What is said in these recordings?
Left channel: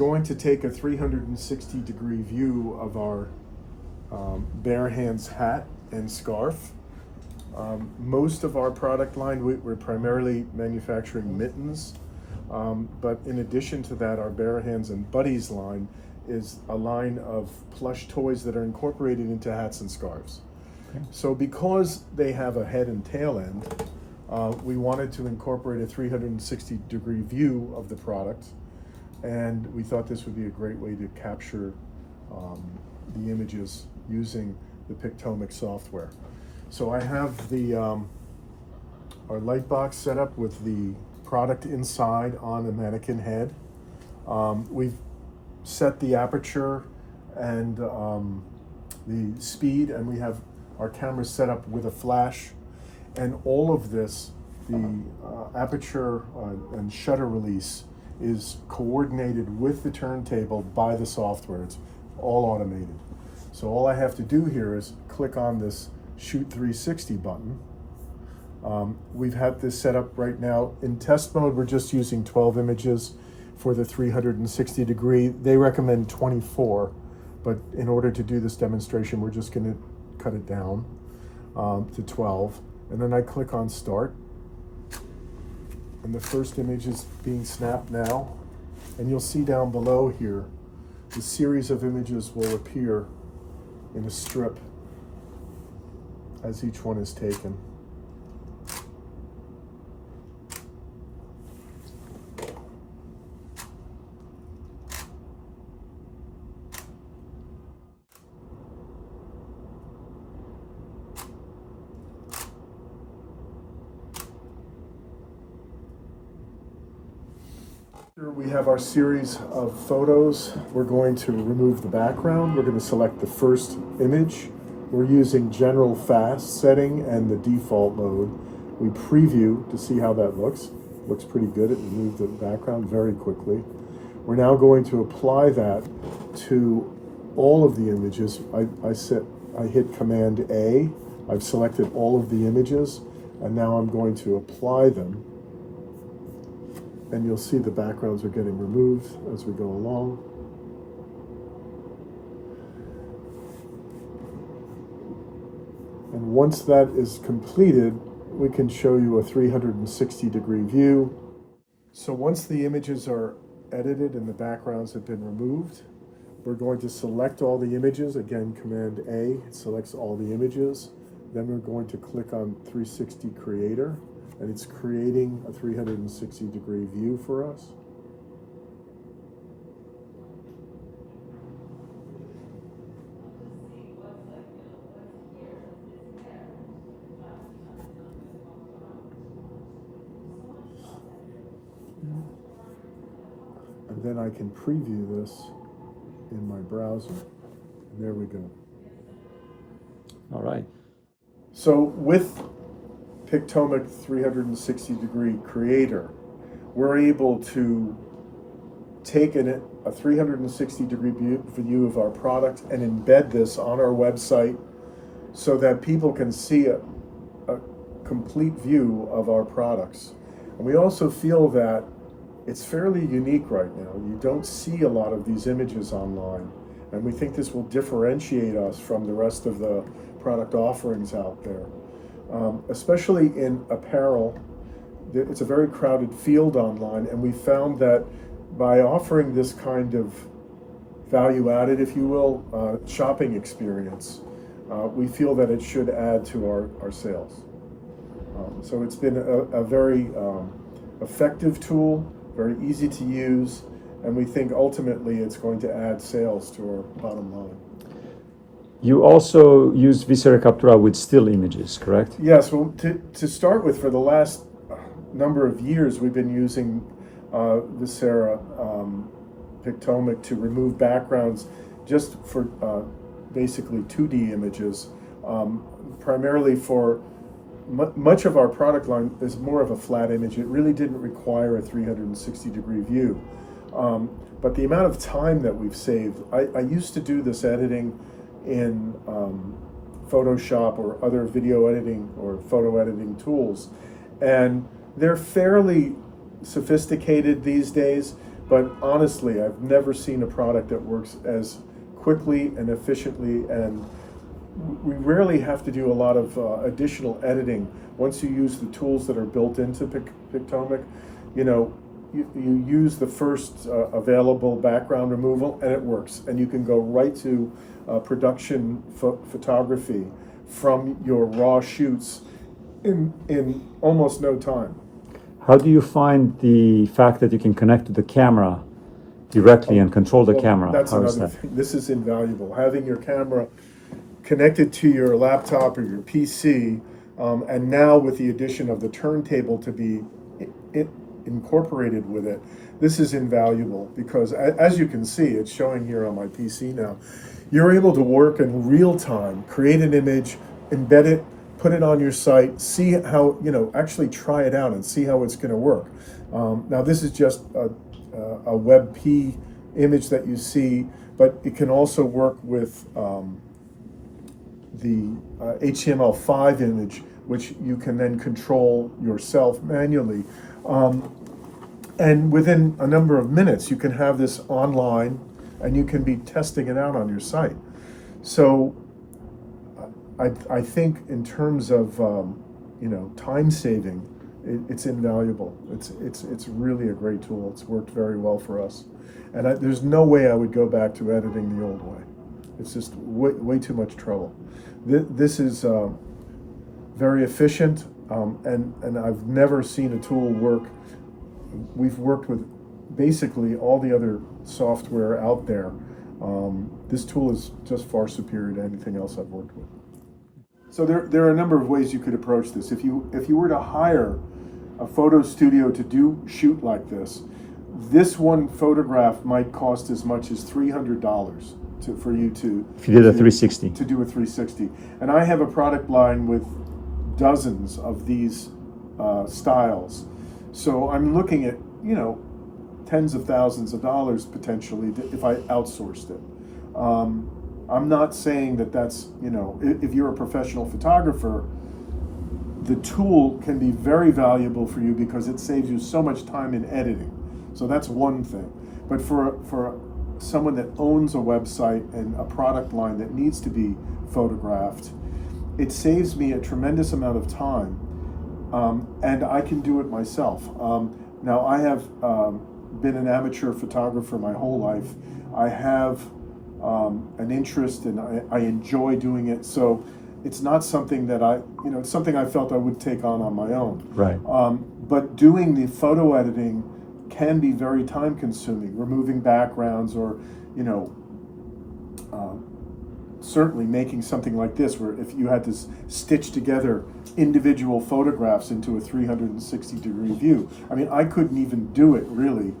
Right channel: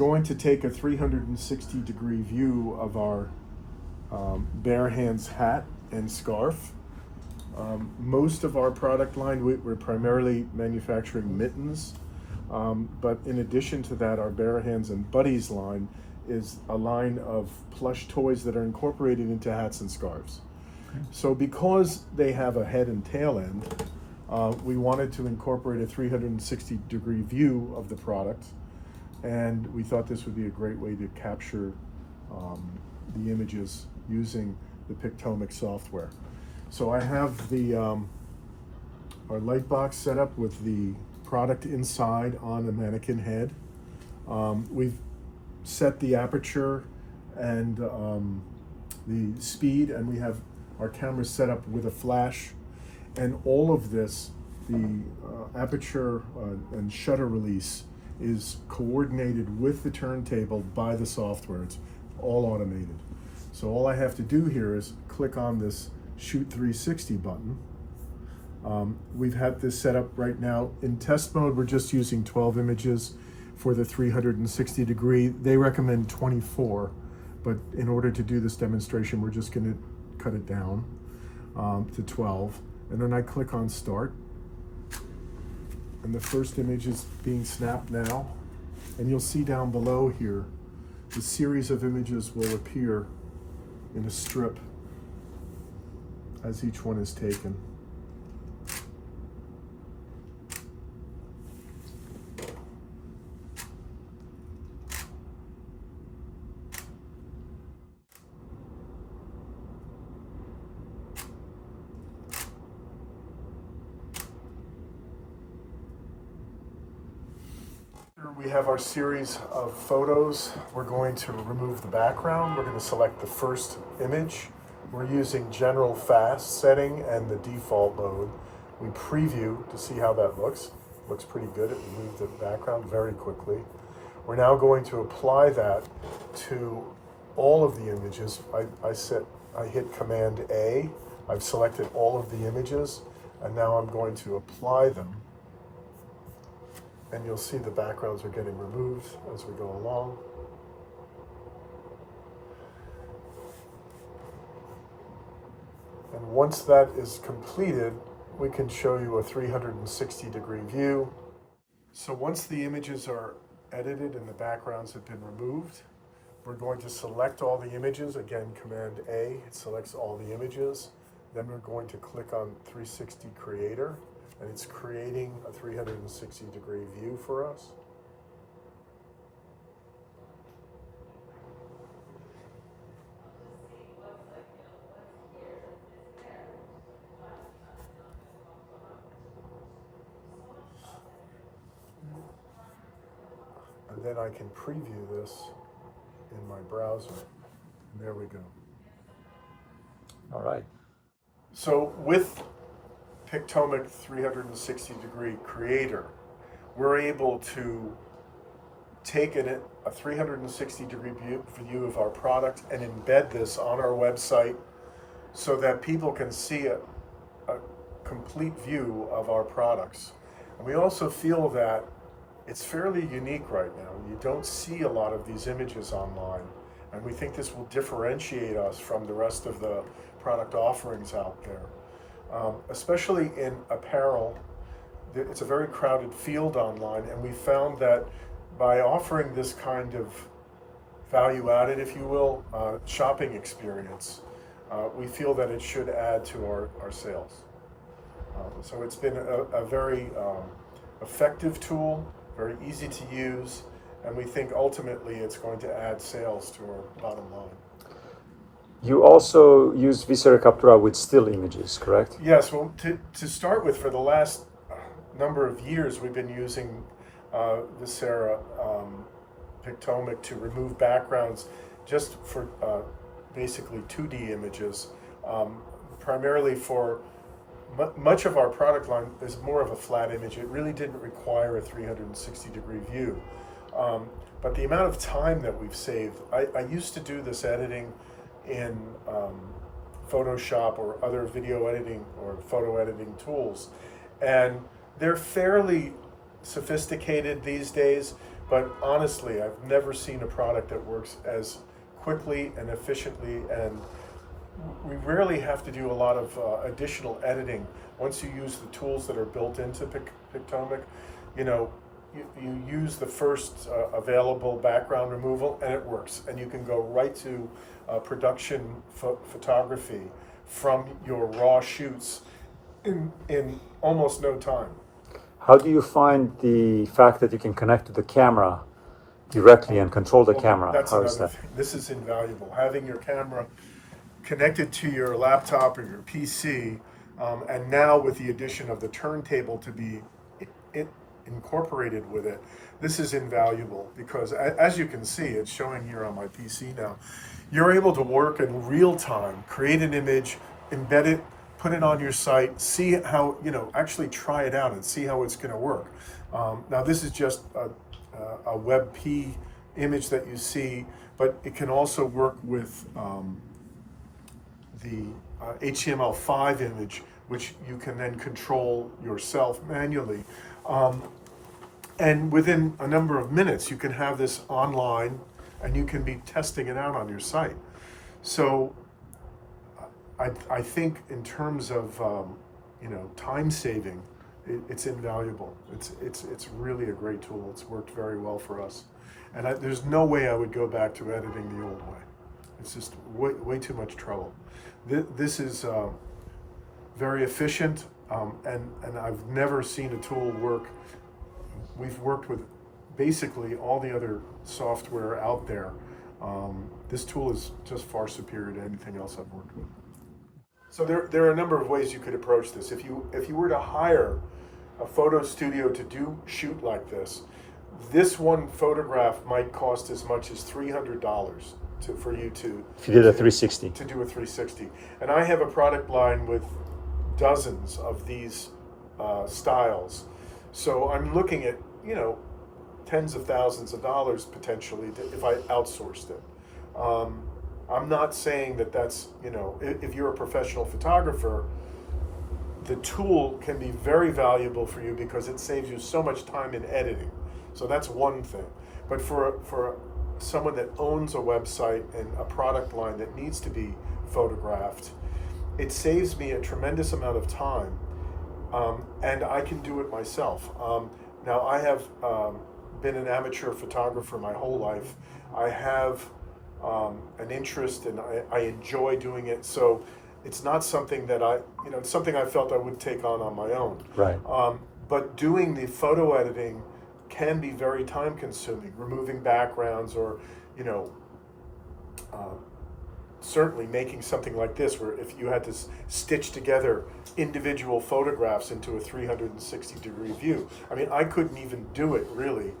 going to take a 360-degree view of our bare hands hat and scarf. Most of our product line, we're primarily manufacturing mittens, but in addition to that, our bare hands and buddies line is a line of plush toys that are incorporated into hats and scarves. Okay. So because they have a head and tail end, we wanted to incorporate a 360-degree view of the product, and we thought this would be a great way to capture the images using the Pictomic software. So I have our light box set up with the product inside on a mannequin head. We've set the aperture and the speed, and we have our camera set up with a flash. And all of this, the aperture and shutter release is coordinated with the turntable by the software. It's all automated. So all I have to do here is click on this Shoot 360 button. We've had this set up right now. In test mode, we're just using 12 images for the 360 degree. They recommend 24, but in order to do this demonstration, we're just gonna cut it down to 12. And then I click on Start. And the first image is being snapped now. And you'll see down below here, the series of images will appear in a strip as each one is taken. Here we have our series of photos. We're going to remove the background. We're going to select the first image. We're using general fast setting and the default mode. We preview to see how that looks. Looks pretty good. It removed the background very quickly. We're now going to apply that to all of the images. I hit Command A. I've selected all of the images, and now I'm going to apply them. And you'll see the backgrounds are getting removed as we go along. And once that is completed, we can show you a 360-degree view. So once the images are edited and the backgrounds have been removed, we're going to select all the images. Again, Command A, it selects all the images. Then we're going to click on 360 Creator, and it's creating a 360-degree view for us. And then I can preview this in my browser. And there we go. All right. So with Pictomic 360-degree Creator, we're able to take a 360-degree view of our product and embed this on our website so that people can see a complete view of our products. And we also feel that it's fairly unique right now. You don't see a lot of these images online, and we think this will differentiate us from the rest of the product offerings out there. Especially in apparel, it's a very crowded field online, and we found that by offering this kind of value-added, if you will, shopping experience, we feel that it should add to our sales. So it's been a very effective tool, very easy to use, and we think ultimately it's going to add sales to our bottom line. You also use Visere Captura with still images, correct? Yes, well, to start with, for the last number of years, we've been using Visere Pictomic to remove backgrounds just for basically 2D images, primarily for much of our product line is more of a flat image. It really didn't require a 360-degree view. But the amount of time that we've saved, I used to do this editing in Photoshop or other video editing or photo editing tools, and they're fairly sophisticated these days, but honestly, I've never seen a product that works as quickly and efficiently, and we rarely have to do a lot of additional editing once you use the tools that are built into Pictomic. You know, you use the first available background removal and it works, and you can go right to production photography from your raw shoots in almost no time. How do you find the fact that you can connect to the camera directly and control the camera? That's How does another that- thing. This is invaluable. Having your camera connected to your laptop or your PC, and now with the addition of the turntable to be incorporated with it, this is invaluable because as you can see, it's showing here on my PC now, you're able to work in real time, create an image, embed it, put it on your site, see how, you know, actually try it out and see how it's going to work. Now this is just a WebP image that you see, but it can also work with the HTML5 image, which you can then control yourself manually. And within a number of minutes, you can have this online and you can be testing it out on your site. So I think in terms of you know, time saving, it's invaluable. It's really a great tool. It's worked very well for us, and there's no way I would go back to editing the old way. It's just way too much trouble. This is very efficient, and I've never seen a tool work. We've worked with basically all the other software out there. This tool is just far superior to anything else I've worked with. So there are a number of ways you could approach this. If you were to hire a photo studio to shoot like this one photograph might cost as much as $300 for you to. If you did a 360. To do a 360. And I have a product line with dozens of these styles. So I'm looking at, you know, tens of thousands of dollars potentially if I outsourced it. I'm not saying that that's, you know, if you're a professional photographer, the tool can be very valuable for you because it saves you so much time in editing. So that's one thing. But for someone that owns a website and a product line that needs to be photographed, it saves me a tremendous amount of time, and I can do it myself. Now, I have been an amateur photographer my whole life. I have an interest and I enjoy doing it. So it's not something that it's something I felt I would take on my own. Right. But doing the photo editing can be very time consuming, removing backgrounds or, you know, certainly making something like this where if you had to stitch together individual photographs into a 360-degree view. I mean, I couldn't even do it really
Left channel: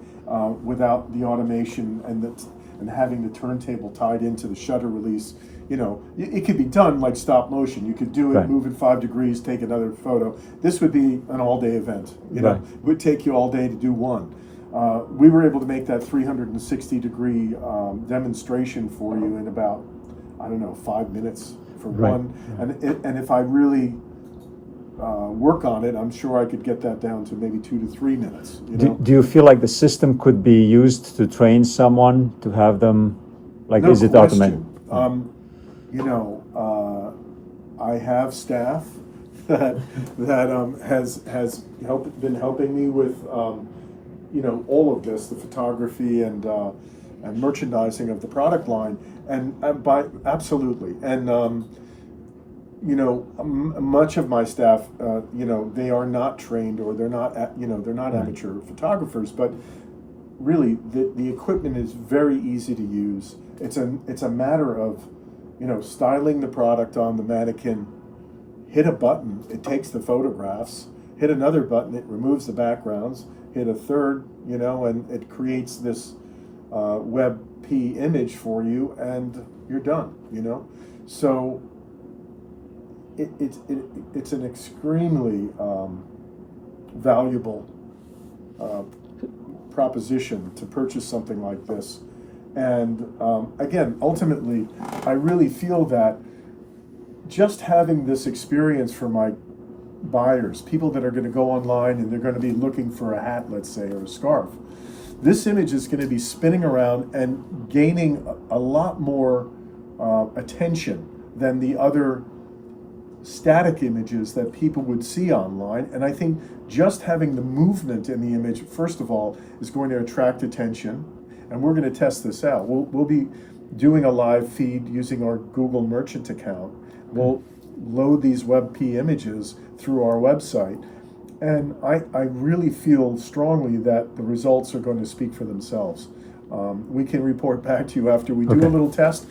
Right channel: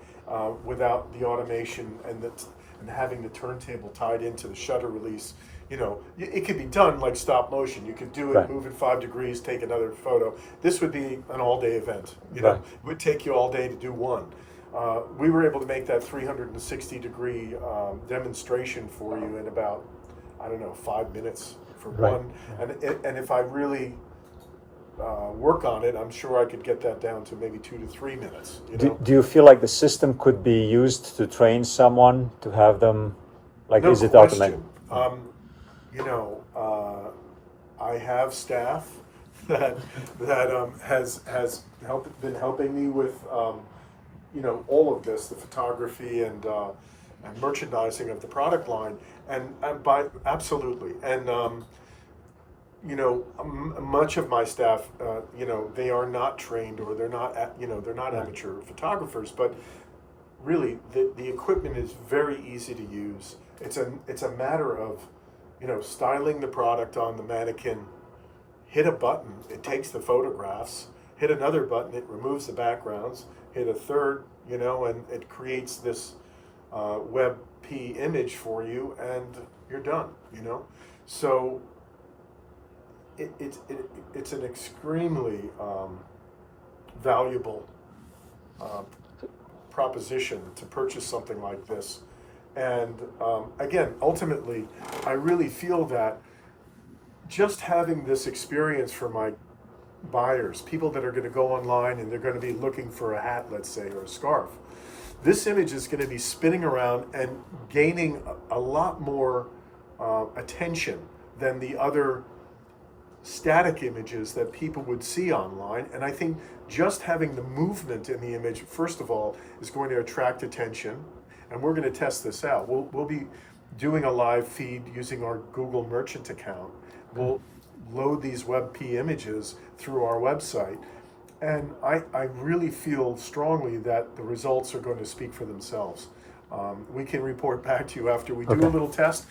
without the automation and having the turntable tied into the shutter release. You know, it could be done like stop motion. You could do it, right. Move it 5 degrees, take another photo. This would be an all-day event. You know, right. It would take you all day to do one. We were able to make that 360-degree demonstration for you in about, I don't know, 5 minutes for right. one. And if I really work on it, I'm sure I could get that down to maybe 2 to 3 minutes. You know, do you feel like the system could be used to train someone to have them, like, no is it question. automated? You know, I have staff that has been helping me with you know, all of this, the photography and merchandising of the product line, and absolutely. And you know, much of my staff, you know, they are not trained or they're not, you know, they're not amateur photographers, but really the equipment is very easy to use. It's a matter of, you know, styling the product on the mannequin, hit a button, it takes the photographs, hit another button, it removes the backgrounds, hit a third, you know, and it creates this WebP image for you, and you're done, you know. So it's an extremely valuable proposition to purchase something like this. And again, ultimately, I really feel that just having this experience for my buyers, people that are going to go online and they're going to be looking for a hat, let's say, or a scarf, this image is going to be spinning around and gaining a lot more attention than the other static images that people would see online. And I think just having the movement in the image, first of all, is going to attract attention. And we're going to test this out. We'll be doing a live feed using our Google Merchant account. We'll load these WebP images through our website. And I really feel strongly that the results are going to speak for themselves. We can report back to you after we do a little test.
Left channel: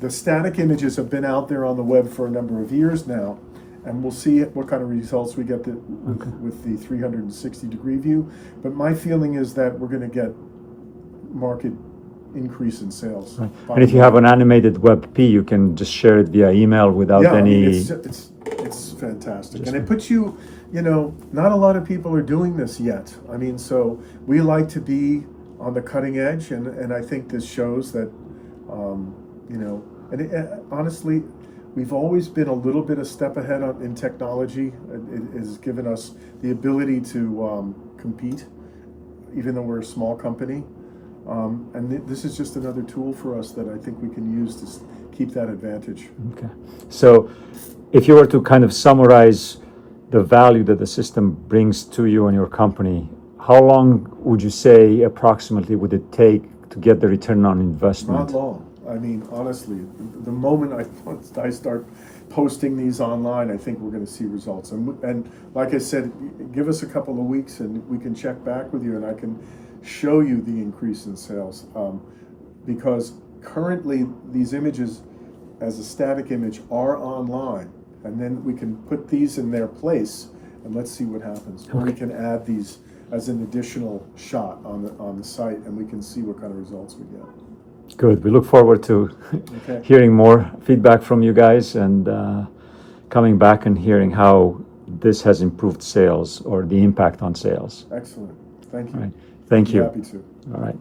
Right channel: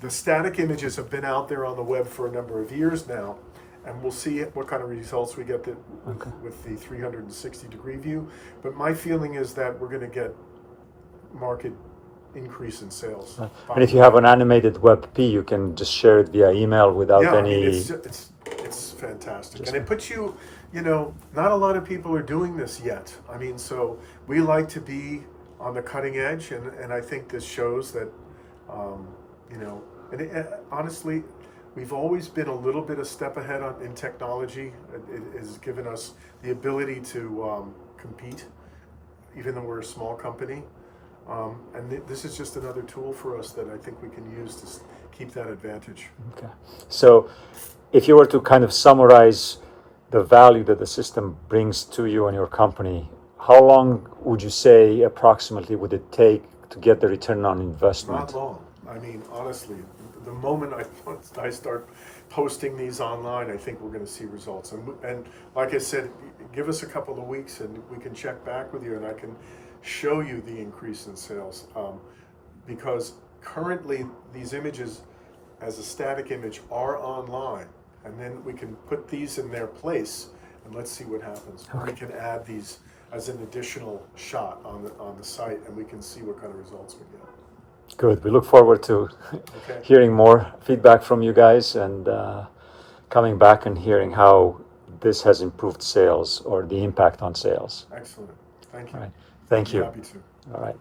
The static images have been out there on the web for a number of years now, and we'll see what kind of results we get with the 360-degree view. But my feeling is that we're going to get market increase in sales. And if you have an animated WebP, you can just share it via email without any... I mean, it's fantastic. And it puts you, not a lot of people are doing this yet. I mean, so we like to be on the cutting edge, and I think this shows that, honestly, we've always been a little bit a step ahead in technology. It has given us the ability to compete, even though we're a small company. And this is just another tool for us that I think we can use to keep that advantage. Okay. So if you were to kind of summarize the value that the system brings to you and your company, how long would you say approximately would it take to get the return on investment? Not long. I mean, honestly, the moment I start posting these online, I think we're going to see results. And like I said, give us a couple of weeks and we can check back with you, and I can show you the increase in sales. Because currently these images as a static image are online, and then we can put these in their place, and let's see what happens. Or we can add these as an additional shot on the site, and we can see what kind of results we get. Good. We look forward to hearing more feedback from you guys, and coming back and hearing how this has improved sales or the impact on sales. Excellent. Thank you. All right. Thank you. Happy to. All right.